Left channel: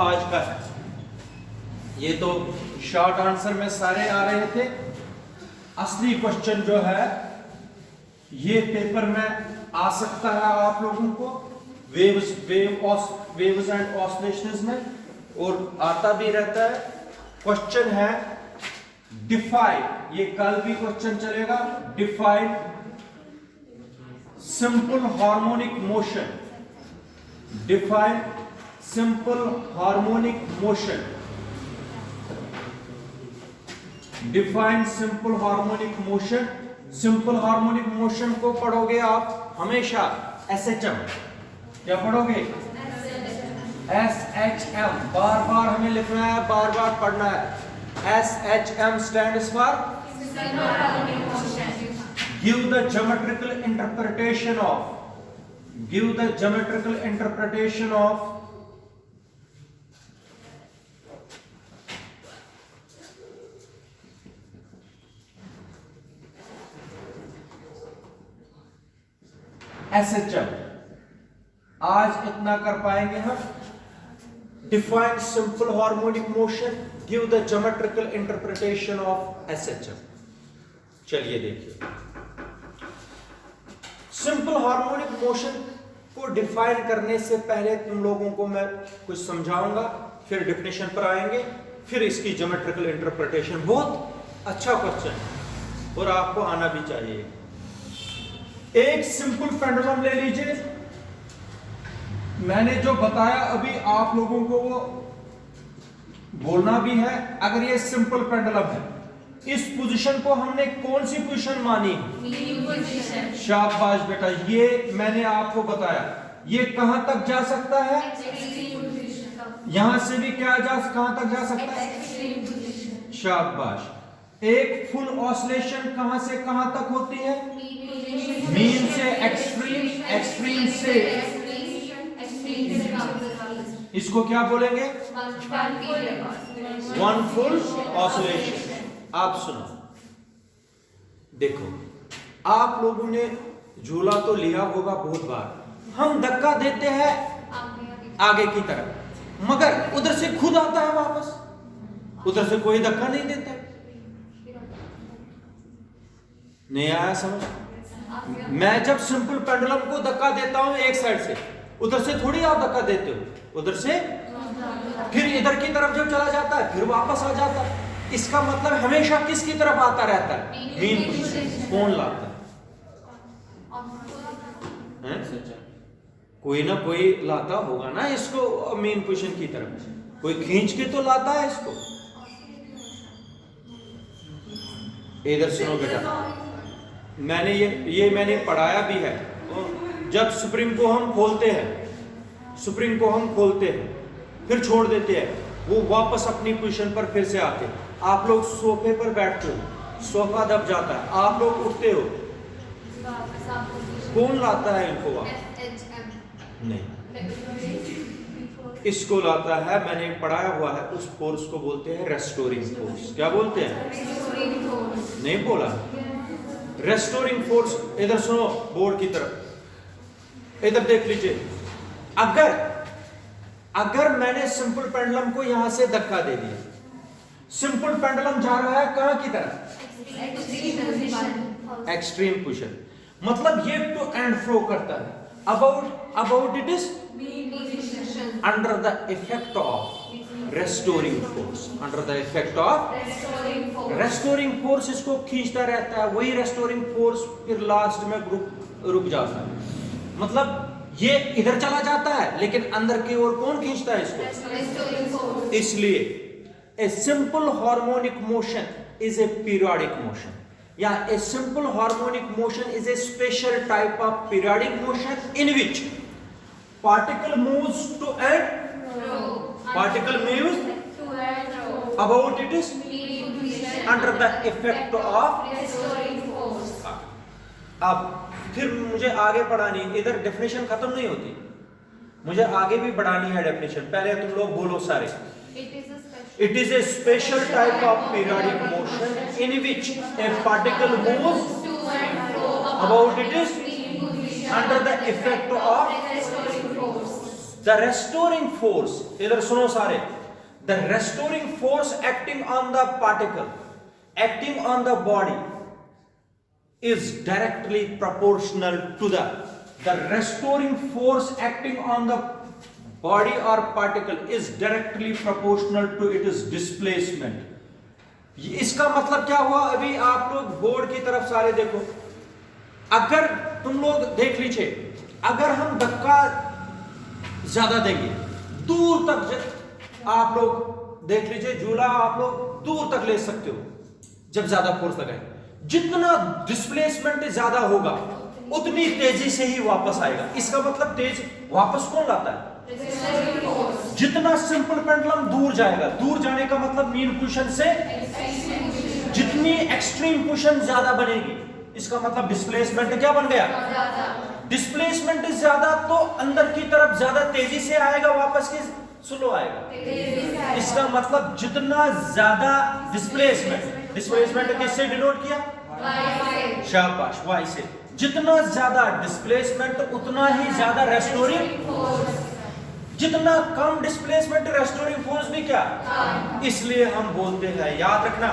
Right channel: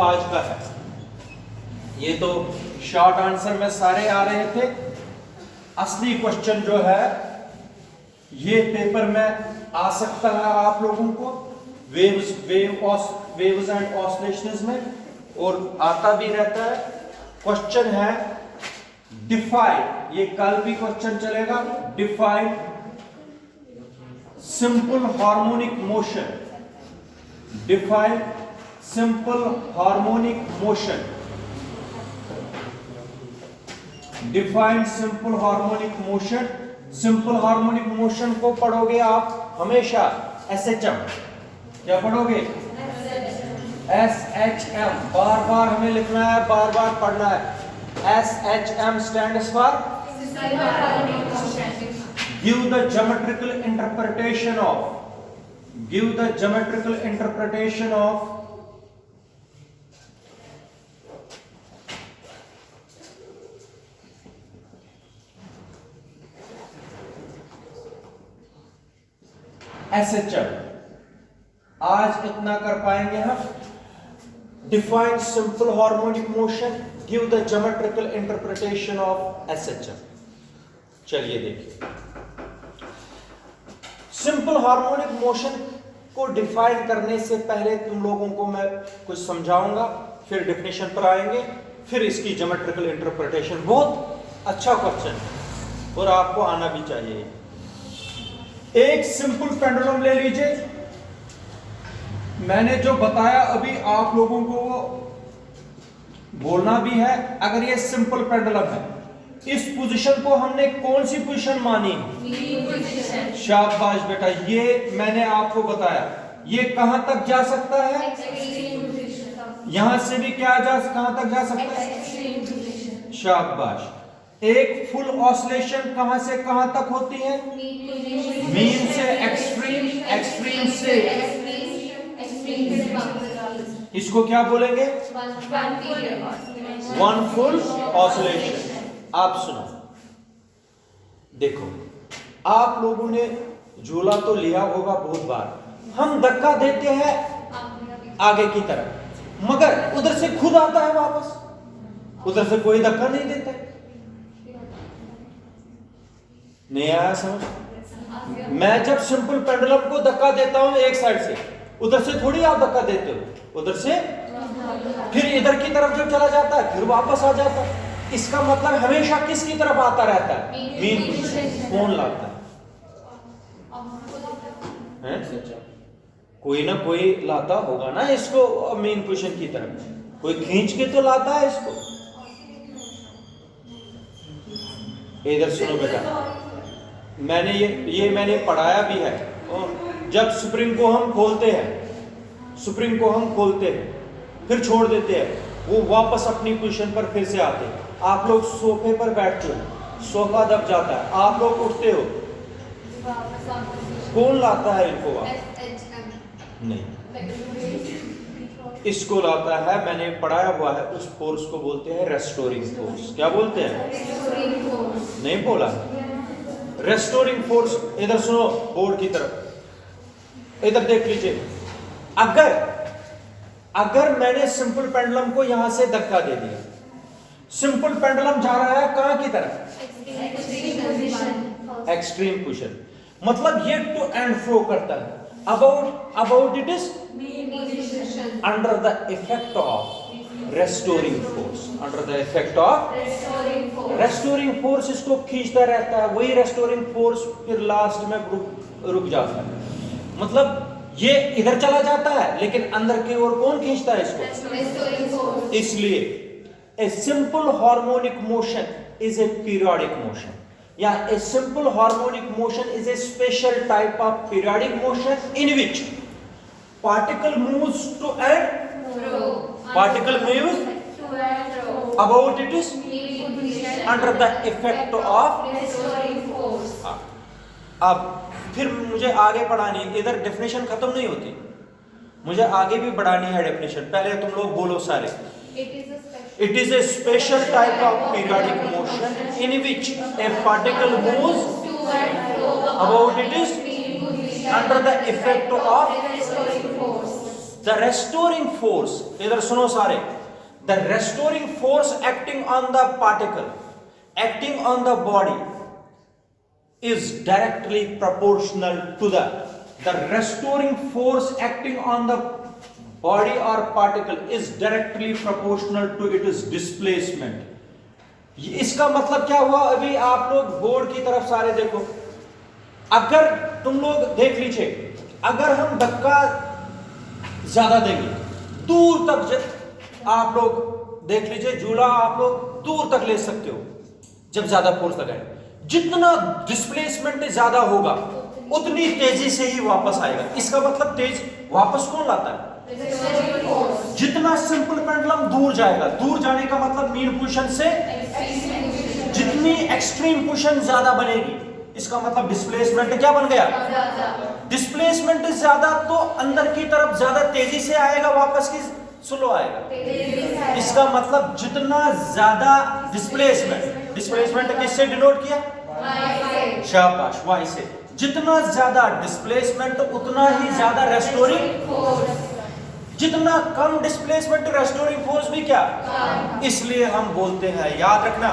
आज का है। ये तो शॉर्ट आंसर में सारे आ रहे थे। असली क्वेश्चन जो है ये पेपर में आ सकता है आप लोगों को वेव्स एंड ऑसिलेशंस में, और आता भी रहता है। क्वेश्चन है डिफाइन, ये कल भी क्वेश्चन चलेगा। Define simple harmonic motion, define simple harmonic motion, define simple harmonic motion. Simple harmonic motion को पढ़ोगे आप हमेशा SHM। क्या पढ़ोगे? SHM। बार बार हमें लिखना है, बार बार पढ़ना है। SHM stands for give the geometrical interpretation of, give the geometrical interpretation of SHM। आज इतना कर पाएंगे हम। Define simple harmonic motion, give the geometrical interpretation of SHM। चलिए देखिए, सिंपल हार्मोनिक मोशन को डिफाइन करने से पहले तुम लोगों को मैं कुछ समझाऊंगा, फिर डेफिनेशन पर आएंगे, फिर इसकी ज्योमेट्रिकल इंटरप्रिटेशन। बहुत अच्छा क्वेश्चन और आपको आना भी चाहिए। एक सिंपल पेंडुलम ले लीजिए। मैंने जो बताया अभी आप लोगों को वो बोलना भी है। अगर ये सिंपल पेंडुलम है, इस पोजीशन को हमने कौन सी पोजीशन मानी? शाबाश बेटा, ये मैंने आपको बताया। ये कहां तक जा सकता है? यहां से भी कहां तक जा सकता है? शाबाश। एक फुल ऑसिलेशन कहां से कहां तक होती है? मीन से एक्सट्रीम, एक्सट्रीम से इसको क्या बोलेंगे? One full oscillation. आप सुनो, देखो, आप लोगों ने झूला तो लिया होगा बहुत बार। हम धक्का देते हैं आगे की तरफ, मगर उधर से खुद आता है वापस, उधर से कोई धक्का नहीं देता। नहीं आया समझ? मैं जब सिंपल पेंडुलम को धक्का देता हूं एक साइड से, उधर से थोड़ी आप धक्का देते हो, उधर से फिर इधर की तरफ जो चला जाता है फिर वापस आ जाता है। इसका मतलब हमेशा किसकी तरफ आता रहता है? Mean position. कौन लाता है? कोई ना कोई लाता होगा ना इसको मीन पोजीशन की तरफ। कोई खींच के तो लाता है इसको। इधर सुनो बेटा, मैंने ये मैंने पढ़ाया भी है। जब स्प्रिंग को हम खोलते हैं, स्प्रिंग को हम खोलते हैं फिर छोड़ देते हैं, वो वापस अपनी पोजीशन पर फिर से आते हैं। आप लोग सोफे पर बैठते हो, सोफा दब जाता है, आप लोग उठते हो, कौन लाता है इनको वापस? नहीं, इसको लाता है, मैंने पढ़ाया हुआ है, उस फोर्स को बोलते हैं रेस्टोरिंग फोर्स। क्या बोलते हैं? नहीं बोला? Restoring force. इधर सुनो, बोर्ड की तरफ इधर देख लीजिए। अगर मैंने सिंपल पेंडुलम को यहां से धक्का दे दिया, सिंपल पेंडुलम जा रहा है कहां की तरफ? Extreme position. मतलब ये टू एंड फ्रो करता है। About it is under the effect of restoring force, under the effect of restoring force इसको खींचता रहता है। वही रेस्टोरिंग फोर्स फिर लास्ट में रुक जाता है। मतलब ये इधर चला जाता है लेकिन अंदर की ओर कौन खींचता है इसको? इसलिए a simple harmonic motion is a periodic motion, या a simple harmonic motion is a special type of periodic motion in which particle moves to and particle moves about it is under the effect of। अब फिर मुझे आगे बढ़ानी, इधर definition खत्म नहीं होती, मुझे आगे भी बढ़ानी है डेफिनेशन। पहले तुम लोग बोलो सारे। It is a special type of periodic motion in which a particle moves about it is under the effect of the restoring force, इधर सुनो सारे, the restoring force acting on the particle, acting on the body is directly proportional to the restoring force acting on the body or particle is directly proportional to its displacement. इसका मतलब क्या हुआ? अभी आप लोग बोर्ड की तरफ सारे देखो, अगर तुम लोग देख लीजिए, अगर हम धक्का ज्यादा देंगे दूर तक, आप लोग देख लीजिए झूला आप लोग दूर तक ले सकते हो जब ज्यादा फोर्स लगाए, जितना डिस्प्लेसमेंट ज्यादा होगा उतनी तेजी से ही वापस आएगा। इसका मतलब तेज वापस कौन लाता है? जितना सिंपल पेंडुलम दूर जाएगा, दूर जाने का मतलब मीन पोजीशन से जितनी एक्सट्रीम पोजीशन ज्यादा बनेगी, इसका मतलब डिस्प्लेसमेंट क्या बन गया? डिस्प्लेसमेंट ज्यादा तो अंदर की तरफ ज्यादा तेजी से आएगा, वापस की स्लो आएगा। इसका मतलब जितना ज्यादा डिस्प्लेसमेंट किससे डिनोट किया? शाबाश, वाई से। जितना ज्यादा डिस्प्लेसमेंट उतना ही ज्यादा रेस्टोरिंग फोर्स, जितना कम डिस्प्लेसमेंट रेस्टोरिंग फोर्स भी क्या, इसलिए हम बोलते हैं, याद रखना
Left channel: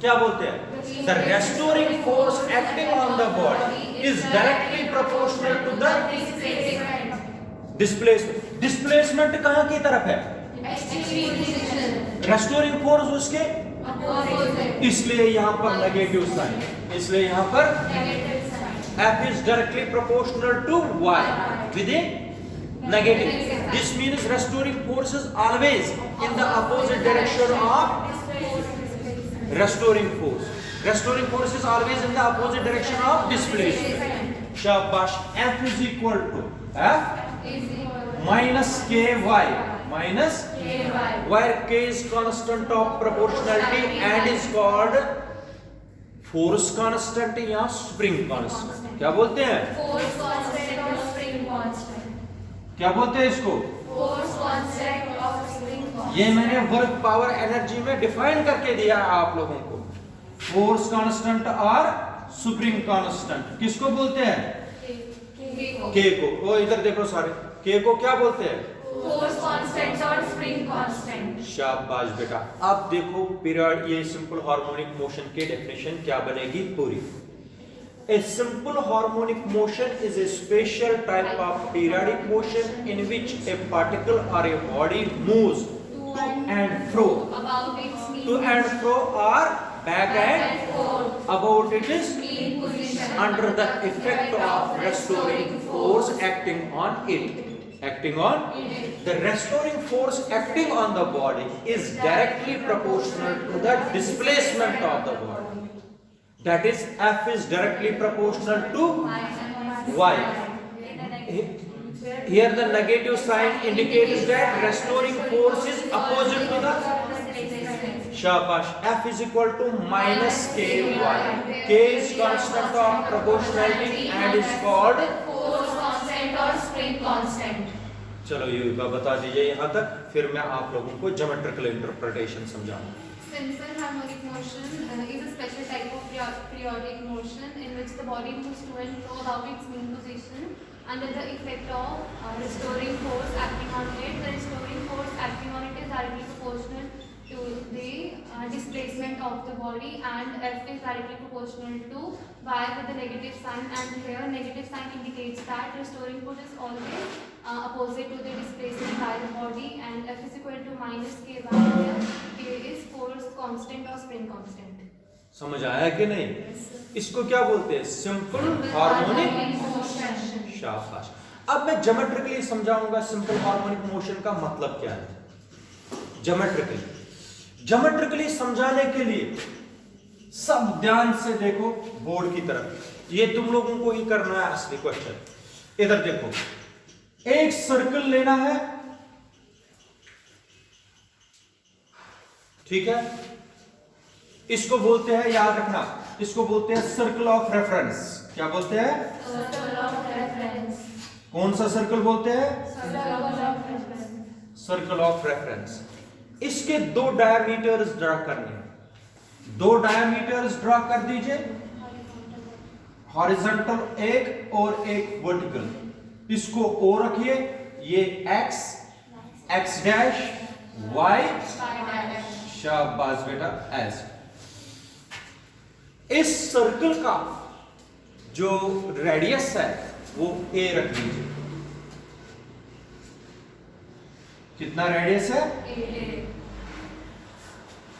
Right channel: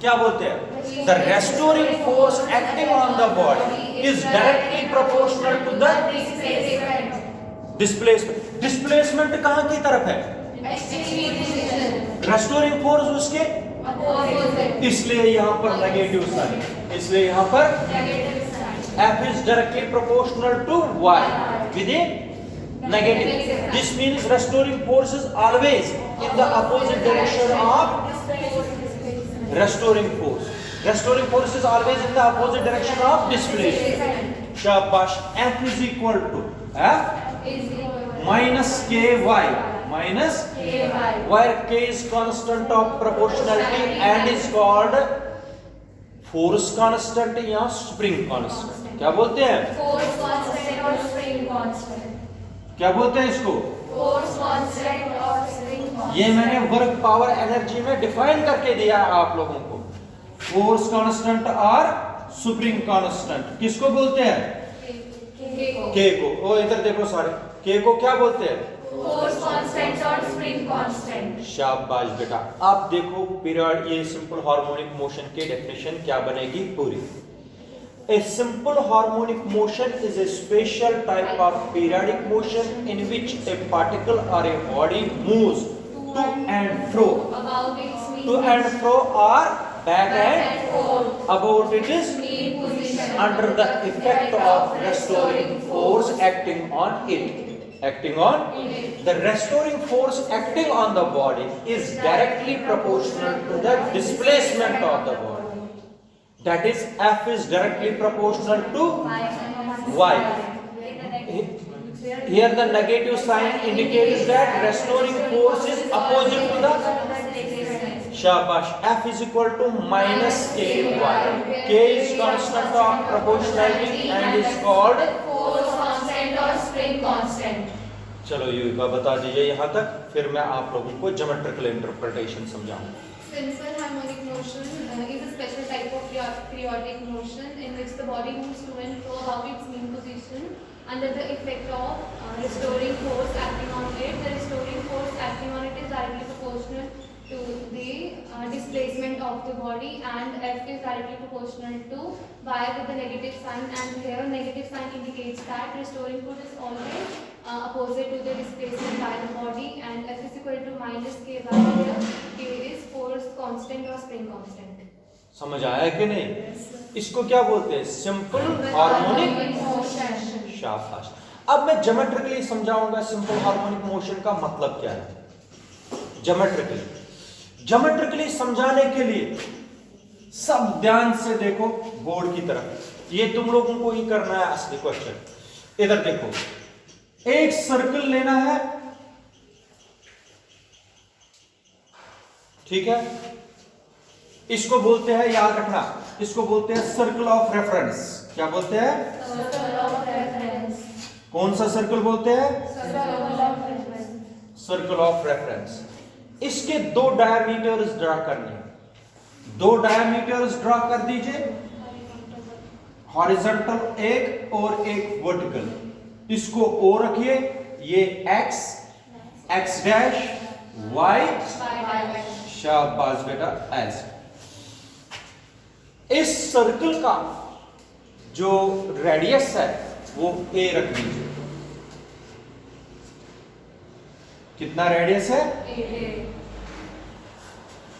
क्या बोलते हैं, the restoring force acting on the body is directly proportional to the displacement. Displacement कहां की तरफ है? रेस्टोरिंग फोर्स उसके, इसलिए यहां पर नेगेटिव साइन, इसलिए यहां पर F is directly proportional to Y with a negative. This means restoring force is always in the opposite direction of restoring force. Restoring force is always in the opposite direction of displacement. Shabash. F is equal to F minus KY minus where K is constant of proportionality and is called force constant या spring constant. क्या बोलते हैं? Force constant और spring constant. क्या बोलते हैं इसको? Force constant और स्प्रिंग कांस्टेंट। ये मैंने वर्क पावर एनर्जी में डिफाइन करके दिया आप लोगों को। फोर्स कांस्टेंट और स्प्रिंग कांस्टेंट किसको बोलते हैं? के को। ओ इधर देखो सारे, के को क्या बोलते हैं? फोर्स कांस्टेंट और स्प्रिंग कांस्टेंट। शाबाश बेटा। अब देखो पीरियड, ये सिंपल हार्मोनिक मोशन की डेफिनेशन क्या बनेगी पूरी। A simple harmonic motion is a special type of periodic motion in which a particle or a body moves to and fro, to and fro or back and forth about its mean position under the effect of restoring force acting on it. Acting on the restoring force acting on the body is directly proportional to the displacement of the body. That is, F is directly proportional to Y. Here the negative sign indicates that restoring force is opposite to the shabash. F is equal to minus KY. K is constant of proportionality and is called force constant और spring constant. चलो ये बता दीजिए यहाँ तक, फिर मैं आप लोगों को ज्योमेट्रिकल इंटरप्रिटेशन समझाऊंगा। Simple harmonic motion is a special type of periodic motion in which the body moves to and fro about its mean position under the effect of restoring force acting on it. The restoring force acting on it is directly proportional to the displacement of the body, and F is directly proportional to Y with the negative sign, and here negative sign indicates that restoring force is always opposite to the displacement by the body, and F is equal to minus K by here. K is force constant or spring constant. समझ आया कि नहीं? इसको क्या बोलते हैं? Simple harmonic motion. शाबाश। अब मैं ज्योमेट्रिकली समझाऊंगा सिंपल हार्मोनिक मोशन का मतलब क्या है। ज्योमेट्रिकली समझाने के लिए सब ध्यान से देखो बोर्ड की तरफ, ये तुम लोगों को ही करना है असली क्वेश्चन। इधर देखो, एक सर्कल लेना है, ठीक है, इसको बोलते हैं, याद रखना, इसको बोलते हैं सर्कल ऑफ रेफरेंस। क्या बोलते हैं? Circle of reference. कौन सा सर्कल बोलते हैं? Circle of reference. Circle of reference. इसके दो डायमीटर्स ड्रा करने हैं, दो डायमीटर्स ड्रा कर दीजिए, हॉरिजॉन्टल एक और एक वर्टिकल। इसको O रखिए, ये x, x डैश, y, शाबाश बेटा ऐसे। इस सर्कल का जो रेडियस है वो a रख दीजिए। कितना रेडियस है?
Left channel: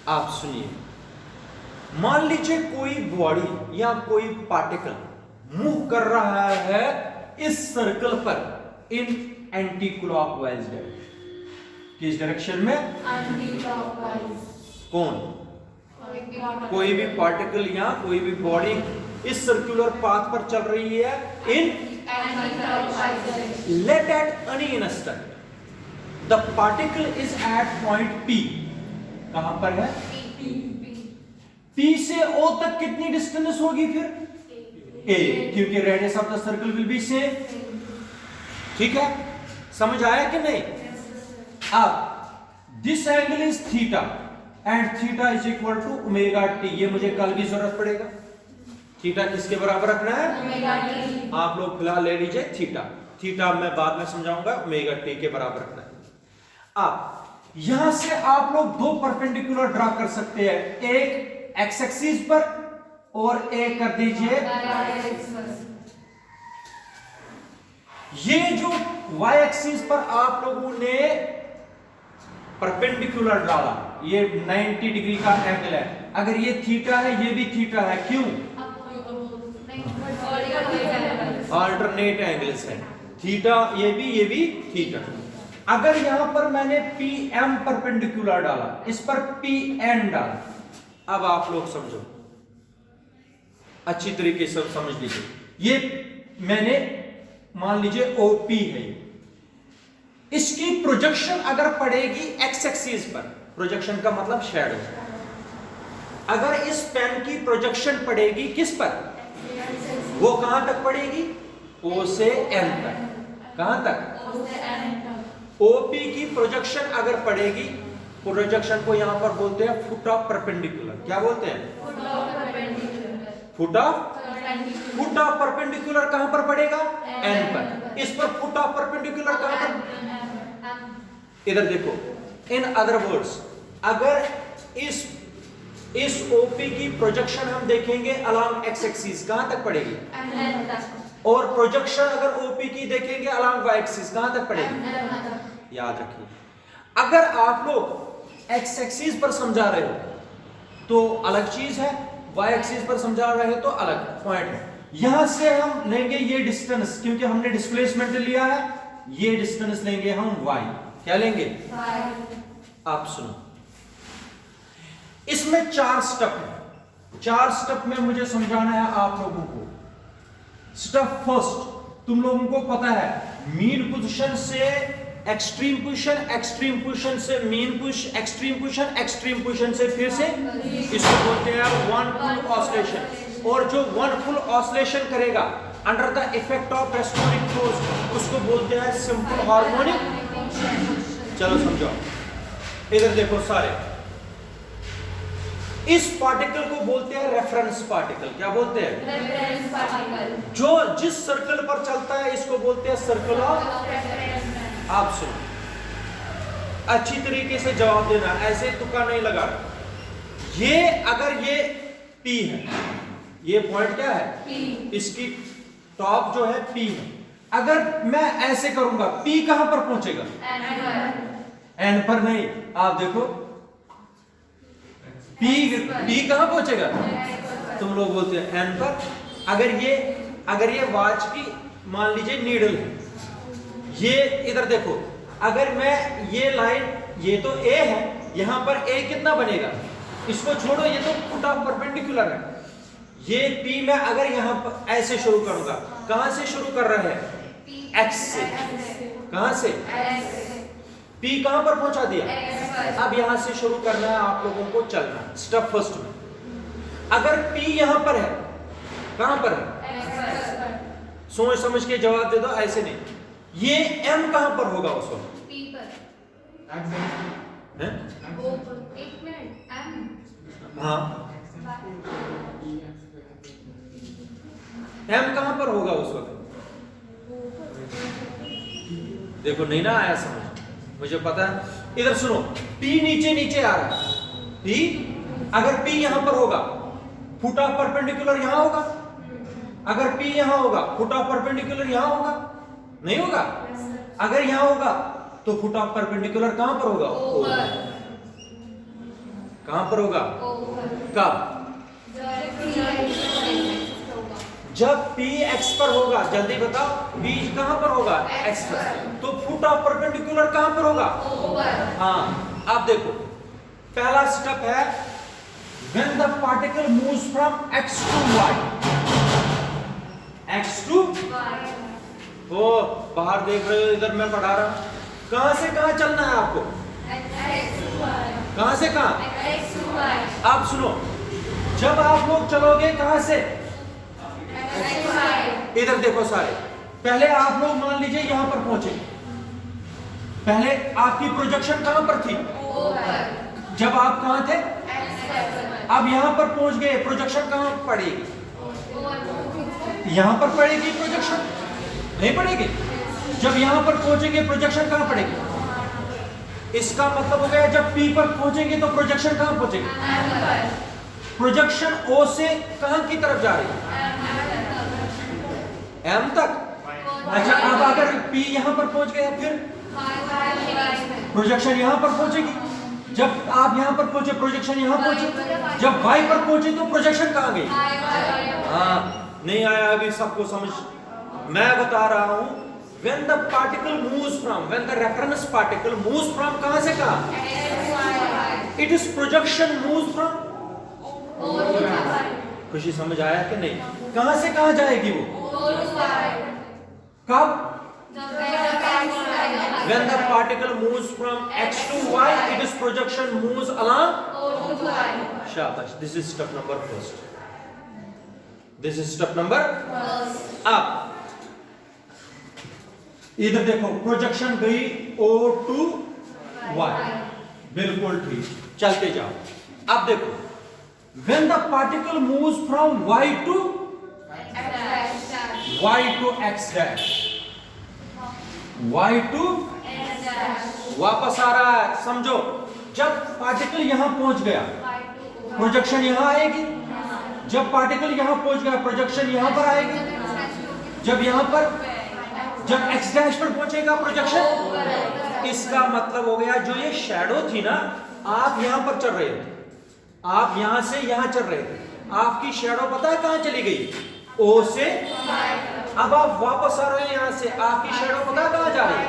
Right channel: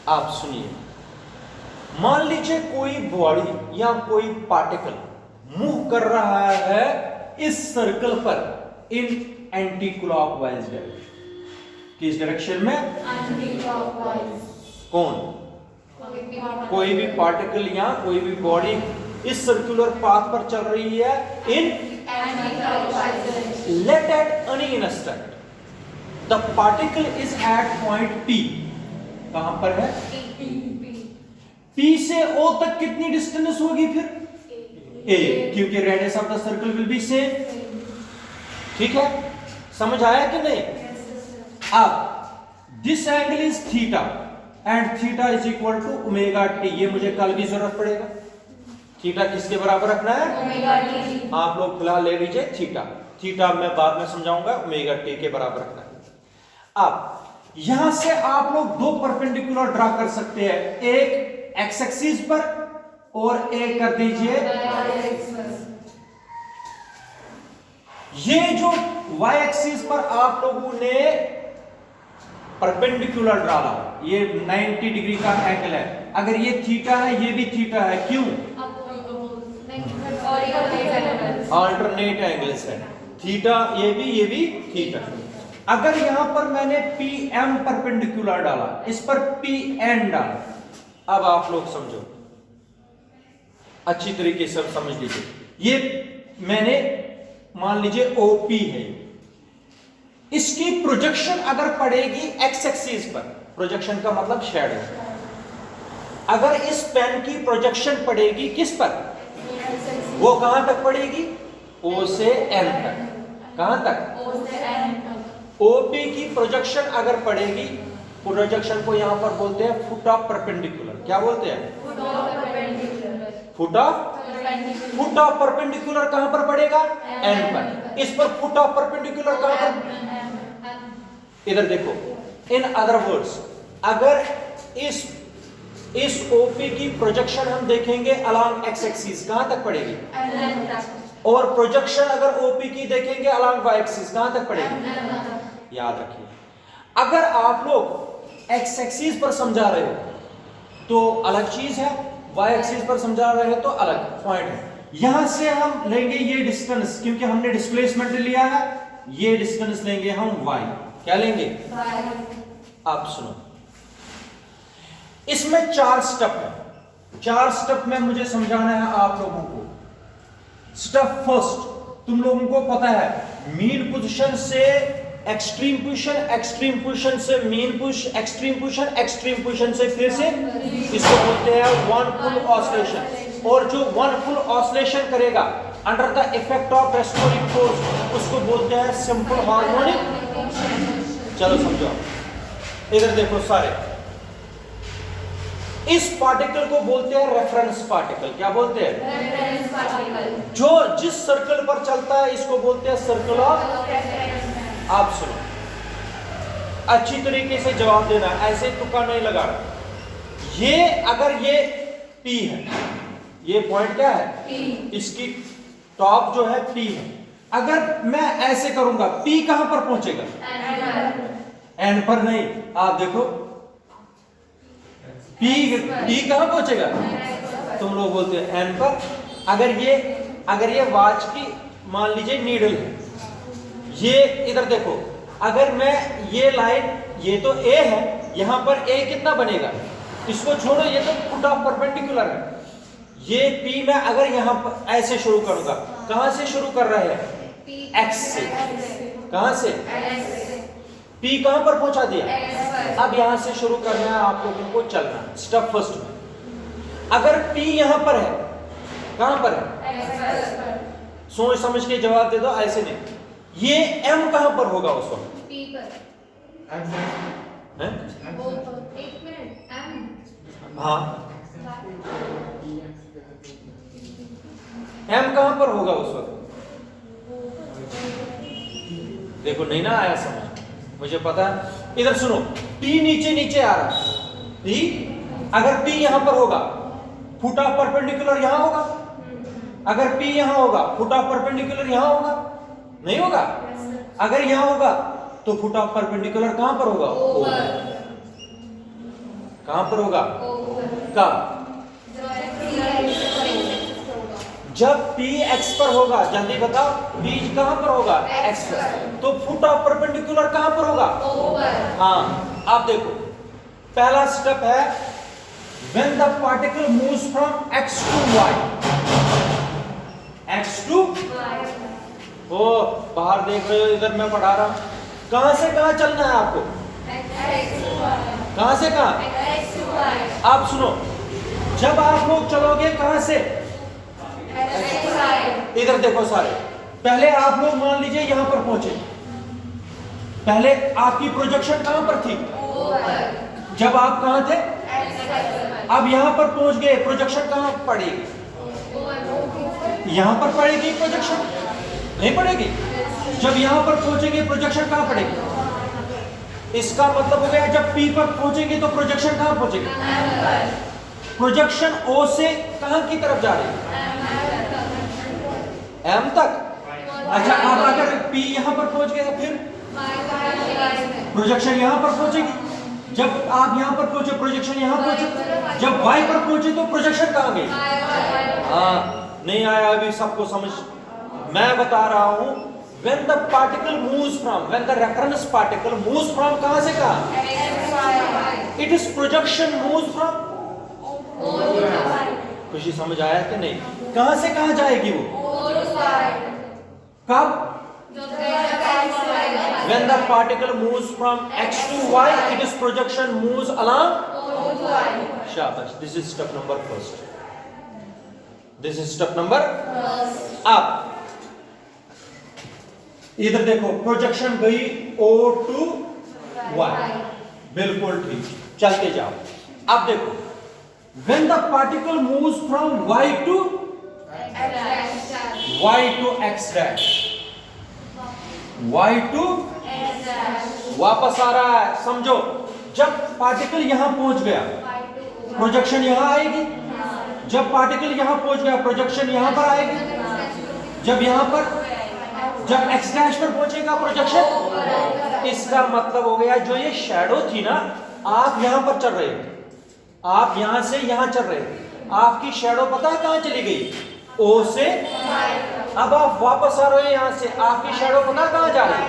आप सुनिए, मान लीजिए कोई बॉडी या कोई पार्टिकल मूव कर रहा है इस सर्कल पर इन एंटी क्लॉकवाइज डायरेक्शन। किस डायरेक्शन में? Anti clockwise. कौन? कोई भी पार्टिकल या कोई भी बॉडी इस सर्कुलर पाथ पर चल रही है in anticlockwise. Let at any instant the particle is at point P। कहां पर है? P से O तक कितनी डिस्टेंस होगी फिर? A, क्योंकि radius of the circle will be same. ठीक है, समझ आया कि नहीं? अब this angle is theta and theta is equal to omega t. ये मुझे कल भी जरूरत पड़ेगा। थीटा किसके बराबर रखना है? Omega T. आप लोग फिलहाल ले लीजिए थीटा। थीटा मैं बाद में समझाऊंगा, ओमेगा टी के बराबर रखना है। अब यहां से आप लोग दो परपेंडिकुलर ड्रा कर सकते हैं, एक एक्स एक्सिस पर और एक कर दीजिए। ये जो y एक्सिस पर आप लोगों ने परपेंडिकुलर डाला, ये 90 डिग्री का एंगल है। अगर ये थीटा है, ये भी थीटा है, क्यों? अल्टरनेट एंगल्स है। थीटा ये भी थीटा। अगर यहां पर मैंने PM परपेंडिकुलर डाला, इस पर PN डाला, अब आप लोग समझो, अच्छी तरीके से समझ लीजिए। ये मैंने मान लीजिए OP है, इसकी प्रोजेक्शन अगर पड़ेगी x एक्सिस पर, प्रोजेक्शन का मतलब शैडो। अगर इस पेन की प्रोजेक्शन पड़ेगी किस पर? वो कहां तक पड़ेगी? O से N तक। कहां तक? OP की प्रोजेक्शन अगर पड़ेगी, प्रोजेक्शन को यहां पर बोलते हैं फुट ऑफ परपेंडिकुलर। क्या बोलते हैं? फुट ऑफ परपेंडिकुलर कहां पर पड़ेगा? N पर। इस पर फुट ऑफ परपेंडिकुलर कहां पर? इधर देखो, इन अदर वर्ड्स, अगर इस OP की प्रोजेक्शन हम देखेंगे अलोंग x एक्सिस, कहां तक पड़ेगी? और प्रोजेक्शन अगर OP की देखेंगे अलोंग y एक्सिस, कहां तक पड़ेगी? याद रखिए, अगर आप लोग x एक्सिस पर समझा रहे हो तो अलग चीज है, y एक्सिस पर समझा रहे हो तो अलग पॉइंट है। यहां से हम लेंगे ये डिस्टेंस, क्योंकि हमने डिस्प्लेसमेंट लिया है, ये डिस्टेंस लेंगे हम y। क्या लेंगे? आप सुनो, इसमें 4 स्टेप है। 4 स्टेप में मुझे समझाना है आप लोगों को। स्टेप फर्स्ट, तुम लोगों को पता है, मीन पोजीशन से एक्सट्रीम पोजीशन, एक्सट्रीम पोजीशन से mean position, extreme position, extreme position से फिर से, इसको बोलते हैं वन फुल ऑसिलेशन। और जो वन फुल ऑसिलेशन करेगा under the effect of restoring force, उसको बोलते हैं सिंपल हार्मोनिक। चलो समझो, इधर देखो सारे, इस पार्टिकल को बोलते हैं रेफरेंस पार्टिकल। क्या बोलते हैं? जो जिस सर्कल पर चलता है इसको बोलते हैं सर्कल ऑफ। आप सुनो, अच्छी तरीके से जवाब देना, ऐसे तुक्का नहीं लगाना। ये अगर ये P है, ये पॉइंट क्या है? P। इसकी टॉप जो है P है। अगर मैं ऐसे करूंगा, P कहां पर पहुंचेगा? N पर नहीं। आप देखो, P कहां पहुंचेगा? तुम लोग बोलते हैं N पर। अगर ये वॉच की मान लीजिए नीडल है, ये इधर देखो, अगर मैं ये लाइन, ये तो A है, यहां पर A कितना बनेगा? इसको छोड़ो, ये तो फुट ऑफ परपेंडिकुलर है। ये P में अगर यहां पर ऐसे शुरू करूंगा, कहां से शुरू कर रहे हैं? X से। कहां से? P कहां पर पहुंचा दिया? अब यहां से शुरू करना है आप लोगों को चलना। स्टेप फर्स्ट में अगर P यहां पर है, कहां पर है? सोच समझ के जवाब दे दो, ऐसे नहीं। ये M कहां पर होगा उस वक्त? P पर। हैं? O पर। एक मिनट, M। हाँ, M कहां पर होगा उस वक्त? देखो नहीं ना आया समझ, मुझे पता है। इधर सुनो, P नीचे नीचे आ रहा है, P अगर P यहां पर होगा, फुट ऑफ परपेंडिकुलर यहां होगा। अगर P यहां होगा, फुट ऑफ परपेंडिकुलर यहां होगा, नहीं होगा। अगर यहां होगा तो फुट ऑफ परपेंडिकुलर कहां पर होगा? कहां पर होगा? कब? जब P x पर होगा। जल्दी बताओ, P कहां पर होगा? x पर। तो फुट ऑफ परपेंडिकुलर कहां पर होगा? हाँ, आप देखो, पहला स्टेप है when the particle moves from x to y, x to ओ बाहर देख रहे हो, इधर मैं पढ़ा रहा हूं। कहां से कहां चलना है आपको? कहां से कहां? आप सुनो, जब आप लोग चलोगे कहां से? इधर देखो सारे, पहले आप लोग मान लीजिए यहां पर पहुंचे, पहले आपकी प्रोजेक्शन कहां पर थी? जब आप कहां थे? अब यहां पर पहुंच गए, प्रोजेक्शन कहां पड़ेगी? यहां पर पड़ेगी प्रोजेक्शन? नहीं पड़ेगी। जब यहां पर पहुंचेंगे प्रोजेक्शन कहां पड़ेगी? इसका मतलब हो गया जब P पर पहुंचेंगे तो प्रोजेक्शन कहां पहुंचेगी? प्रोजेक्शन O से कहां की तरफ जा रही है? M तक। अच्छा, अब अगर P यहां पर पहुंच गया फिर प्रोजेक्शन यहां पर पहुंचेगी। जब आप यहां पर पहुंचे प्रोजेक्शन यहां पहुंचे, जब Y पर पहुंचे तो प्रोजेक्शन कहां गई? हाँ, नहीं आया अभी सबको समझ। मैं बता रहा हूं, when the particle moves from, when the reference particle moves from कहां से कहां? It is projection moves from। खुशी समझ आया कि नहीं? कहां से कहां जाएगी वो? कब? When the particle moves from x to y, it is projection moves along। शाबाश, this is step number first. This is step number। अब इधर देखो, प्रोजेक्शन गई O to Y, बिल्कुल ठीक, चलते जाओ। अब देखो, when the particle moves from Y to x dash, Y to वापस आ रहा है, समझो। जब पार्टिकल यहां पहुंच गया प्रोजेक्शन यहां आएगी। जब पार्टिकल यहां पहुंच गया प्रोजेक्शन यहां पर आएगी। जब यहां पर, जब x डैश पर पहुंचेगा प्रोजेक्शन, इसका मतलब हो गया जो ये शैडो थी ना, आप यहां पर चल रहे थे, आप यहां से यहां चल रहे थे, आपकी शैडो पता है कहां चली गई? O से। अब आप वापस आ रहे हो यहां से, आपकी शैडो पता कहां जा रही है?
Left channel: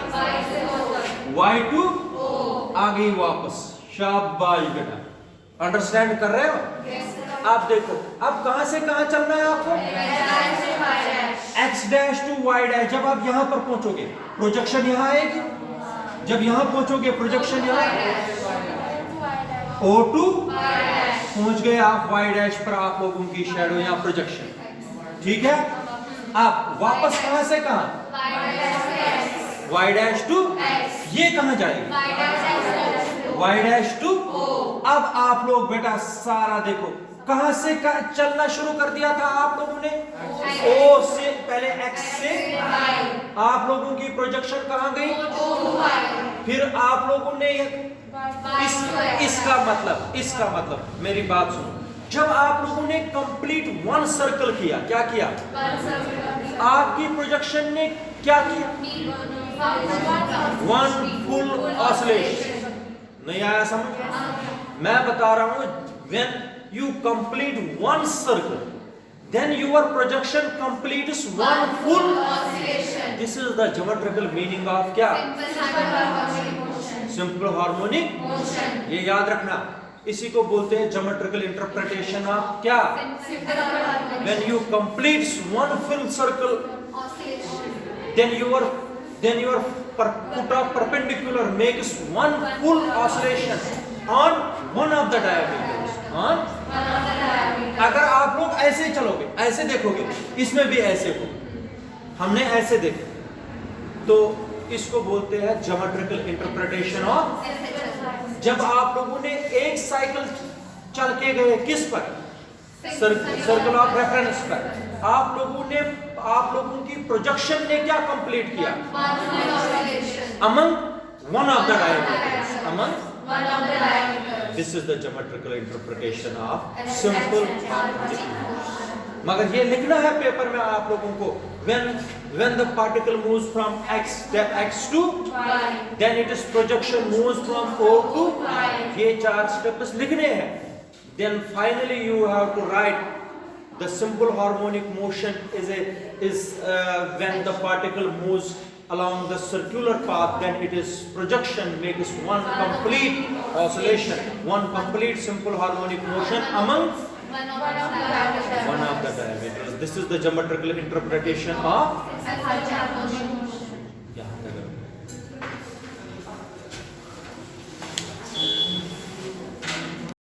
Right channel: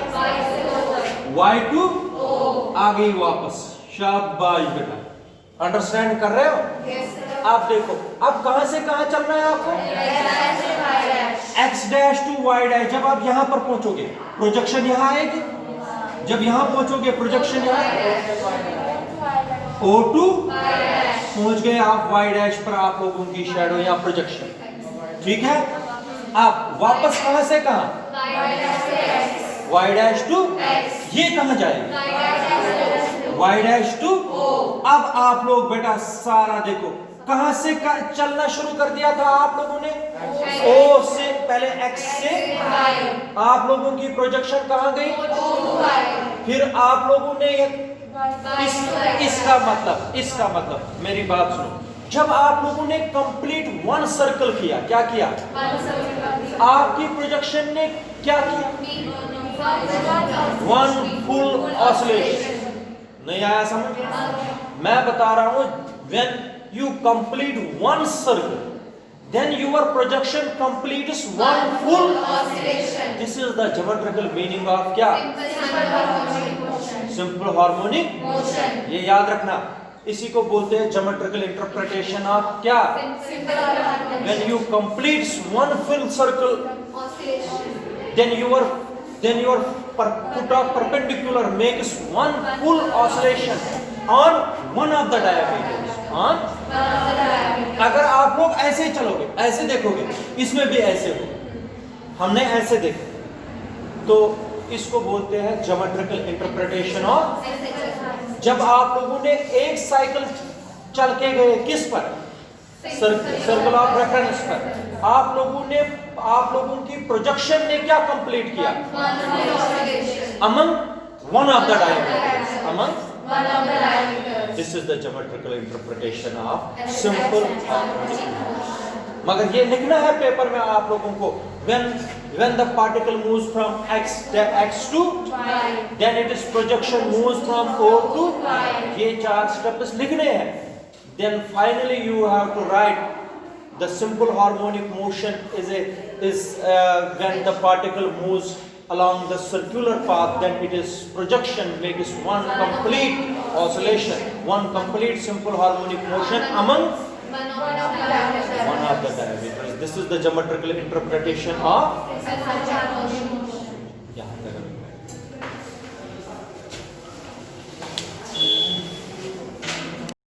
Y to आ गई वापस। शाबाश बेटा, अंडरस्टैंड कर रहे हो? आप देखो, अब कहां से कहां चलना है आपको? x dash to y dash. जब आप यहां पर पहुंचोगे प्रोजेक्शन यहां आएगी। जब यहां पहुंचोगे प्रोजेक्शन यहां, O टू पहुंच गए आप y डैश पर, आप लोगों की शैडो या प्रोजेक्शन, ठीक है। आप वापस कहां से कहां? y डैश टू, ये कहां जाएगी? y dash two. अब आप लोग बेटा सारा देखो, कहां से चलना शुरू कर दिया था आप लोगों ने? O से, पहले x से। आप लोगों की प्रोजेक्शन कहां गई? फिर आप लोगों ने इसका मतलब मेरी बात सुनो, जब आप लोगों ने कंप्लीट वन सर्कल किया, क्या किया? आपकी प्रोजेक्शन ने क्या किया? One full oscillation. नहीं आया समझ? मैं बता रहा हूं, when you complete one circle, then your projection completes one full oscillation. This is the geometrical meaning of क्या? Simple harmonic motion. ये याद रखना, इसी को बोलते हैं geometrical interpretation of क्या? When you complete one full circle, then your perpendicular makes one full oscillation on one of the diameters. on अगर आप लोग ऐसे चलोगे, ऐसे देखोगे, इसमें भी ऐसे हो, हमने ऐसे देखा, तो इसको बोलते हैं ज्योमेट्रिकल इंटरप्रिटेशन ऑफ। जब आप लोगों ने एक साइकिल चल के गए किस पर? सर्कल ऑफ रेफरेंस पर, आप लोगों की प्रोजेक्शन ने क्या कंप्लीट किया? among one of the diameters. Among One of the diameters. this is the geometrical interpretation of simple harmonic motion. मगर ये लिखना है पेपर में आप लोगों को when the particle moves from x to Y. then its projection moves from O to Y. ये 4 steps लिखने हैं. Then finally you have to write the simple harmonic motion is when the particle moves along the circular path, then it is projection makes one complete oscillation, one complete simple harmonic motion among One of the diameters. one of the diameters. This is the geometrical interpretation of